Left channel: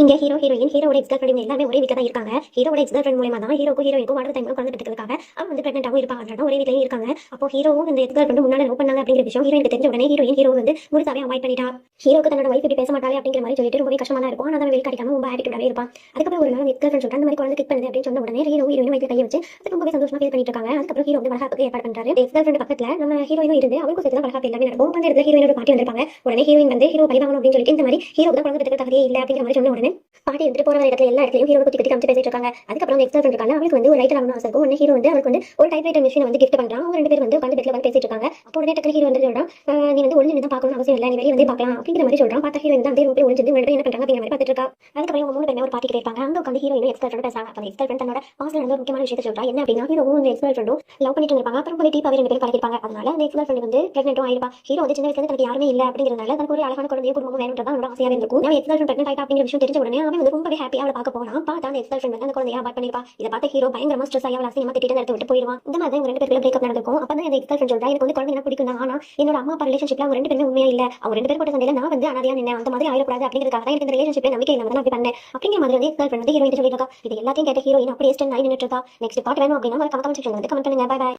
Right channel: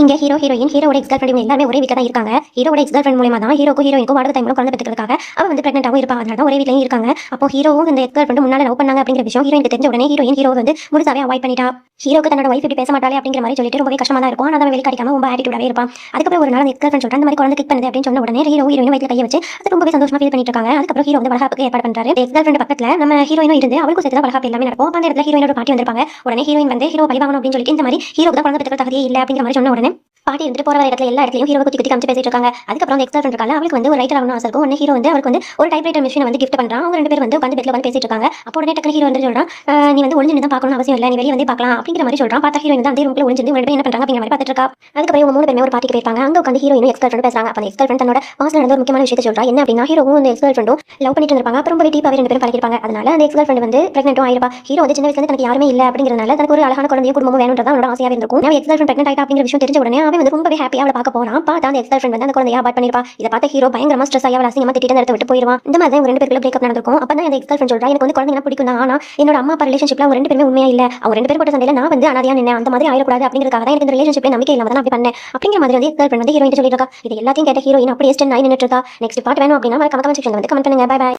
இங்க hero heroine ஹீரோட X girl friend எல்லாரும் ஒரே வீட்ல தான் இருக்காங்க. ஹீரோட எக்ஸ் கேர்ள் ஃப்ரெண்ட் மூலமா தான் ஹீரோக்கும் ஹீரோயினுக்கும் வாடகை டைம்ல குழந்தை பெத்துக்கிறதுக்காக அவ வந்து பிரெக்னன்ட்டாவும் இருப்பா. அதனால தான் ஒரே வீட்லயும் இருக்காங்க. அப்போ ஹீரோவும் இந்த எக்ஸ் கேர்ள் ஃப்ரெண்ட் முன்னால லவ் பண்ணாங்க அப்படிங்கிற விஷயம் ஹீரோயினுக்கு தெரிஞ்ச உடனே ஹீரோ வந்து முழுசாவே அவாய்ட் பண்ணிட்டா. ஹீரோக்கு தன்னோட வைஃப் இப்படி பேச மாட்டாளே அப்படிங்கிற மாதிரி சொல்லிட்டு ரொம்பவே கஷ்டமா தான் இருக்கும். ஆனா அவன் வெளிக்காட்டிக்காம ரொம்ப ஆட்டிடியூடாவே இருப்பான். அதுக்கப்புறம் ஒரு நாள் அந்த எக்ஸ் கேர்ள் ஃப்ரெண்ட் சொல்றா, இந்த மாதிரி குழந்தை கிக் பண்ணுது அப்படின்னு சொன்ன உடனே ஹீரோயின் வயித்துல கைய வச்சு அது ரொம்பவே சந்தோஷமா ஃபீல் பண்ணிட்டு இருக்காங்க. அதுக்கப்புறம் ஹீரோ வந்து வளகாப்புக்கு ஏற்பாடு பண்றாரு. எக்ஸ் கேர்ள் ஃப்ரெண்ட் பக்கத்துல நம்ம ஹீரோயினும் இருந்து அவளுக்கும் சேர்த்து வளகாப்பு எல்லாமே நடக்கும். அந்த இடத்துல ஹீரோயினோட பாட்டி வந்திருப்பாங்க. உடனே ஹீரோயின் வந்து ஹீரோ பழி வாங்கணும் அப்படின்னு சொல்லிட்டு இந்த மாதிரி ஹீரோக்கு தான் குழந்தை பெற்றுக்கிற தகுதியே இல்லை அப்படிங்கிற மாதிரி சொன்ன உடனே பாட்டி எடுத்துட்டு போற இடத்துல எல்லா இடத்துலயும் ஹீரோ குத்தி குத்தி காமிச்சு பேசிட்டு இருக்காங்க. அதுக்கப்புறம் அந்த எக்ஸ் கேர்ள் ஃப்ரெண்ட் இருக்காங்க, அவளுக்கு வந்து ஒரு ரைட்டர் ஆகணும் ஆசை இருக்கும். உடனே ஹீரோ வந்து அவருக்கு வந்து ஒரு டைப்ரைட்டர் மிஷினை வந்து கிஃப்ட் பண்றான். அவங்க ரெண்டு பேரும் வந்து உட்காந்து பெட்ல வந்து பேசிட்டு இருக்காங்க. அப்போ உடனே டக்குனு ஹீரோ வந்து சொல்றான், நீ வந்து ஒளிஞ்சு தான் பார்க்கணும் அவசியம் இல்லை, நீ வெளியே வந்து பார்க்கலாம் அப்படிங்கிற மாதிரி சொல்றான். பார்த்தா ஹீரோயின் தான் அதே ரூம்ல ஒளிஞ்சு ரெண்டு பேரும் என்ன பண்றாங்க அப்படிங்கிற மாதிரி பார்த்துட்டு இருக்கா. அதுக்கப்புறம் இவங்க மூணு பேருமே ஒரு பார்ட்டிக்கு போயிருப்பாங்க. அங்க உட்காந்து ஹீரோயின் எக்ஸ் கேர்ள் ஃப்ரெண்ட் பேசுறாங்க. அப்ப எக்ஸ் கேர்ள் ஃப்ரெண்ட் தன்னோட பாஸ்ல நடந்த ஒரு முக்கியமான விஷயத்தை சொல்றா. என்ன அப்படின்னா ஹீரோவும் அந்த எக்ஸ் கேர்ள் ஃப்ரெண்டும் லவ் பண்ணிட்டு இருப்பாங்க. அப்புறம் ரொம்ப டீப்பாவே ரெண்டு பேரும் பழகிருப்பாங்க. அதனால அந்த எக்ஸ் கேர்ள் ஃப்ரெண்ட் வந்து பிரெக்னன்ட்டும் ஆயிருப்பா. ஹீரோ வந்து சின்ன வயசுல தனக்கு யாருமே இல்லை அப்படிங்கிறதுனால தனக்கு ஒரு அழகான குழந்தையும் குடும்பமும் வேணும்ன்றதா அவனோட ஆசையா இருந்திருக்கும். எக்ஸ் கேர்ள் ஃப்ரெண்ட் பிரெக்னன்ட் ஆயிட்டா அப்படிங்கிற விஷயம் தெரிஞ்ச உடனே அவன் வந்து ரொம்பவே ஹாப்பியா அவளை பார்க்க போறான். பார்த்தா அந்த எக்ஸ் கேர்ள் ஃப்ரெண்ட் வந்து அந்த குழந்தைய அபார்ட் பண்ணிருப்பா. இதை பார்த்த ஹீரோ பயங்கரமா ஸ்ட்ரெஸ் ஆகி அவளை அசிங்கமா திட்டிட்டு அந்த இடத்தை விட்டு போயிருவான். இந்த மாதிரி தான் ரெண்டு பேருக்குள்ள பிரேக்கப் நடந்திருக்கும். அப்பதான் அந்த எக்ஸ் கேர்ள் ஃப்ரெண்ட் சொல்றா, எனக்கு வந்து குழந்தைங்க பிடிக்கும் தான், ஆனா என்னோட அம்மா அப்பா ரிலேஷன்ஷிப்ல அவங்க ரெண்டு பேருமே உண்மையா இல்ல, அவங்க ரெண்டு பேரும் போட்ட சண்டையில நான் வந்து அனாதையா நின்னேன், அந்த மாதிரி ஆயிடக்கூடாது அப்படிங்கிறதுக்காக தான் எனக்கு இந்த ரிலேஷன்ஷிப்ல நம்பிக்கை இல்லாம தான் அப்படி பண்ணேன் அப்படிங்கிற மாதிரி வந்து எக்ஸ் கேர்ள் ஃப்ரெண்ட் வந்து ஹீரோயின் சொல்லிட்டு இருக்கா. இது எல்லாத்தையும் கேட்ட ஹீரோயின் அப்படியே ஸ்டென் ஆகி நின்னுட்டு இருக்கா. நெக்ஸ்ட் பார்ட் வேணும் அப்படின்னா மறக்காம கமெண்ட் செக்ஷன்ல வந்து கமெண்ட் பண்ணுங்க. Bye by.